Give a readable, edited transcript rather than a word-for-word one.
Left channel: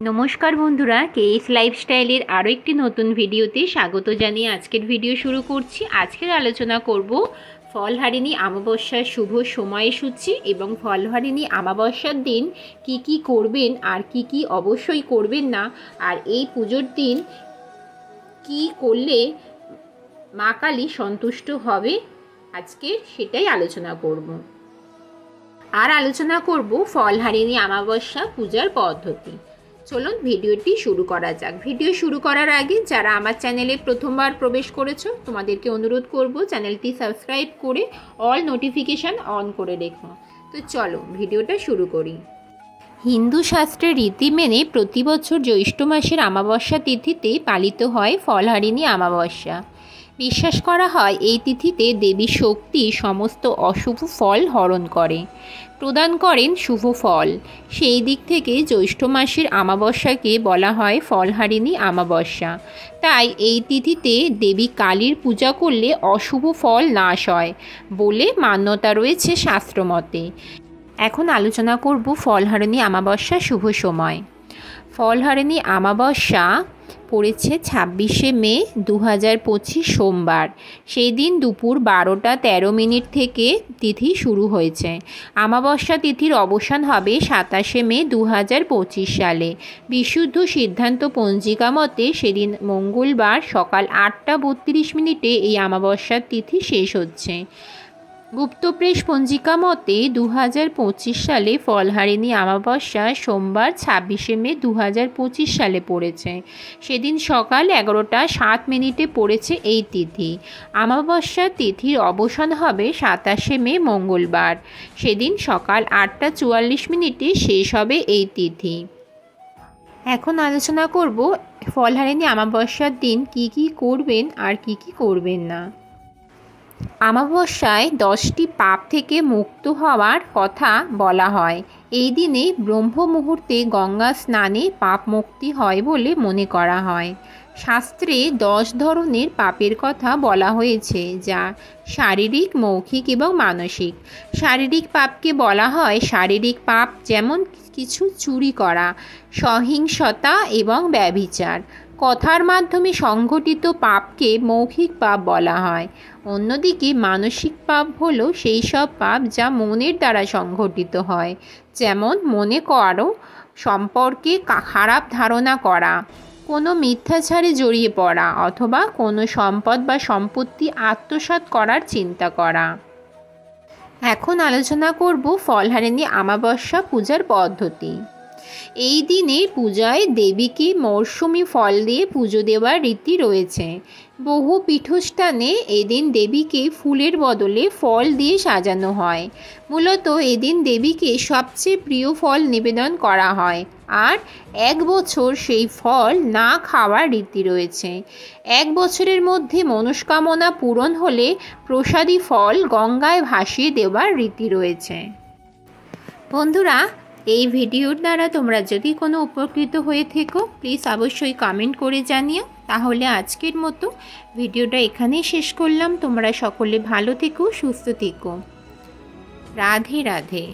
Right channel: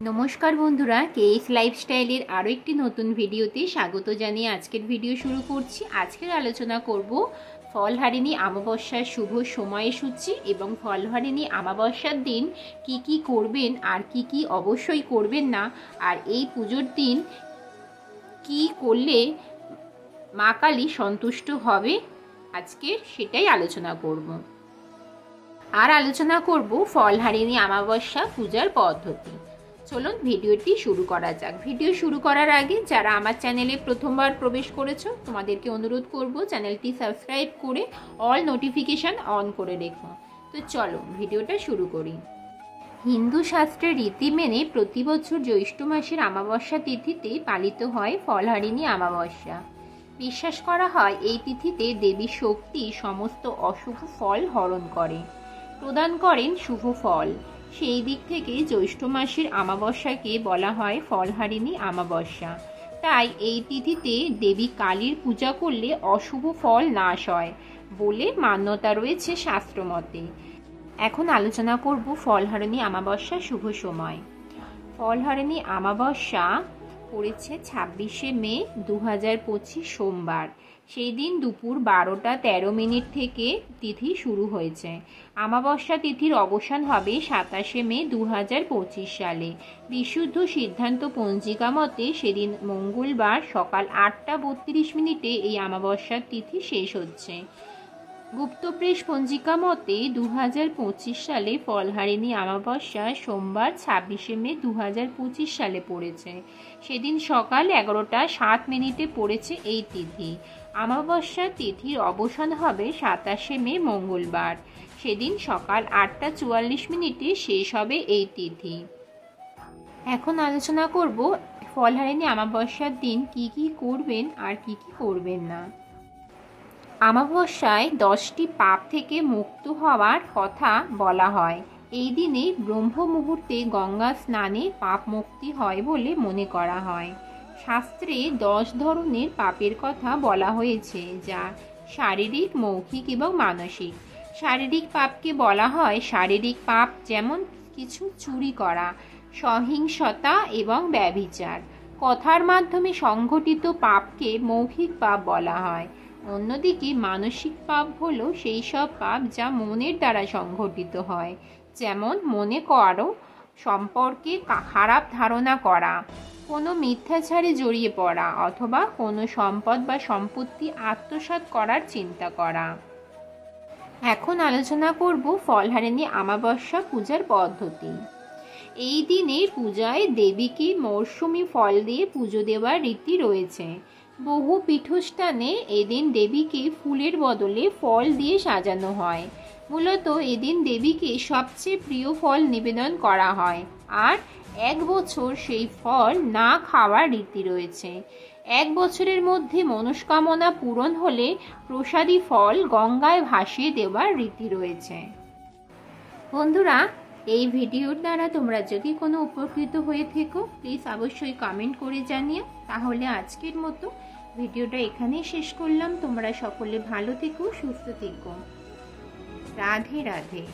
নমস্কার বন্ধুরা, কেএস লাইফস্টাইলের আরও একটি নতুন ভিডিওতে স্বাগত জানিয়ে আজকের ভিডিও শুরু করছি। আজকের আলোচনা করব ফলহারিণী অমাবস্যার শুভ সময়সূচি এবং ফলহারিণী অমাবস্যার দিন কি কি করবেন আর কি কি অবশ্যই করবেন না, আর এই পুজোর দিন কি করলে মা কালী সন্তুষ্ট হবে, আজকে সেটাই আলোচনা করব। আর আলোচনা করব ফলহারিণী অমাবস্যা পূজার পদ্ধতি। চলুন ভিডিওটি শুরু করা যাক। ভিডিও শুরু করার আগে যারা আমার চ্যানেলে প্রথমবার প্রবেশ করেছো তোমাদেরকে অনুরোধ করব চ্যানেলটি সাবস্ক্রাইব করে অল নোটিফিকেশান অন করে রেখো। তো চলো ভিডিওটা শুরু করি। হিন্দু শাস্ত্রের রীতি মেনে প্রতি বছর জ্যৈষ্ঠ মাসের অমাবস্যা তিথিতে পালিত হয় ফলহারিণী অমাবস্যা। বিশ্বাস করা হয় এই তিথিতে দেবী শক্তি সমস্ত অশুভ ফল হরণ করে, প্রদান করেন শুভ ফল। সেই দিক থেকে জ্যৈষ্ঠ মাসের অমাবস্যাকে বলা হয় ফলহারিণী অমাবস্যা। তাই এই তিথিতে দেবী কালীর পূজা করলে অশুভ ফল নাশ হয় বলে মান্যতা রয়েছে শাস্ত্রমতে। এখন আলোচনা করব ফলহারিণী অমাবস্যা শুভ সময়। ফলহারিণী অমাবস্যা পড়েছে 26শে মে 2025 সোমবার। সেই দিন দুপুর 12টা 13 মিনিট থেকে তিথি শুরু হয়েছে। অমাবস্যা তিথির অবসান হবে 27শে মে 2025 সালে। বিশুদ্ধ সিদ্ধান্ত পঞ্জিকা মতে সেদিন মঙ্গলবার সকাল 8টা 32 মিনিটে এই অমাবস্যার তিথি শেষ হচ্ছে। গুপ্তপ্রেস পঞ্জিকা মতে 2025 সালে ফলহারিণী অমাবস্যা সোমবার 26শে মে 2025 সালে পড়েছে। সেদিন সকাল 11টা 7 মিনিটে পড়েছে এই তিথি। অমাবস্যা তিথির অবসান হবে 27শে মে মঙ্গলবার। সেদিন সকাল 8টা 44 মিনিটে শেষ হবে এই তিথি। এখন আলোচনা করব ফলহারিণী অমাবস্যার দিন কি কি করবেন আর কি কি করবেন না। অমাবস্যায় 10টি পাপ থেকে মুক্ত হওয়ার কথা বলা হয়। এই দিনে ব্রহ্ম মুহূর্তে গঙ্গা স্নানে পাপ মুক্তি হয় বলে মনে করা হয়। শাস্ত্রে 10 ধরনের পাপের কথা বলা হয়েছে, যা শারীরিক, মৌখিক এবং মানসিক। শারীরিক পাপকে বলা হয় শারীরিক পাপ, যেমন কিছু চুরি করা, সহিংসতা এবং ব্যভিচার। কথার মাধ্যমে সংঘটিত পাপকে মৌখিক পাপ বলা হয়। অন্যদিকে মানসিক পাপ হলো সেই সব পাপ যা মনের দ্বারা সংঘটিত হয়, যেমন মনে করো সম্পর্কে খারাপ ধারণা করা, কোনো মিথ্যাচারে জড়িয়ে পড়া, অথবা কোনো সম্পদ বা সম্পত্তি আত্মসাৎ করার চিন্তা করা। এখন আলোচনা করব ফলহারিণী অমাবস্যা পূজার পদ্ধতি। এই দিনে পূজায় দেবীকে মরশুমি ফল দিয়ে পুজো দেওয়ার রীতি রয়েছে। বহু পীঠস্থানে এদিন দেবীকে ফুলের বদলে ফল দিয়ে সাজানো হয়। মূলত এদিন দেবীকে সবচেয়ে প্রিয় ফল নিবেদন করা হয়, আর 1 বছর সেই ফল না খাওয়ার রীতি রয়েছে। 1 বছরের মধ্যে মনস্কামনা পূরণ হলে প্রসাদী ফল গঙ্গায় ভাসিয়ে দেওয়ার রীতি রয়েছে। বন্ধুরা, এই ভিডিওর দ্বারা তোমরা যদি কোনো উপকৃত হয়ে থেকো প্লিজ অবশ্যই কমেন্ট করে জানিও। তাহলে আজকের মতো ভিডিওটা এখানেই শেষ করলাম। তোমরা সকলে ভালো থেকো, সুস্থ থেকো। রাধে রাধে।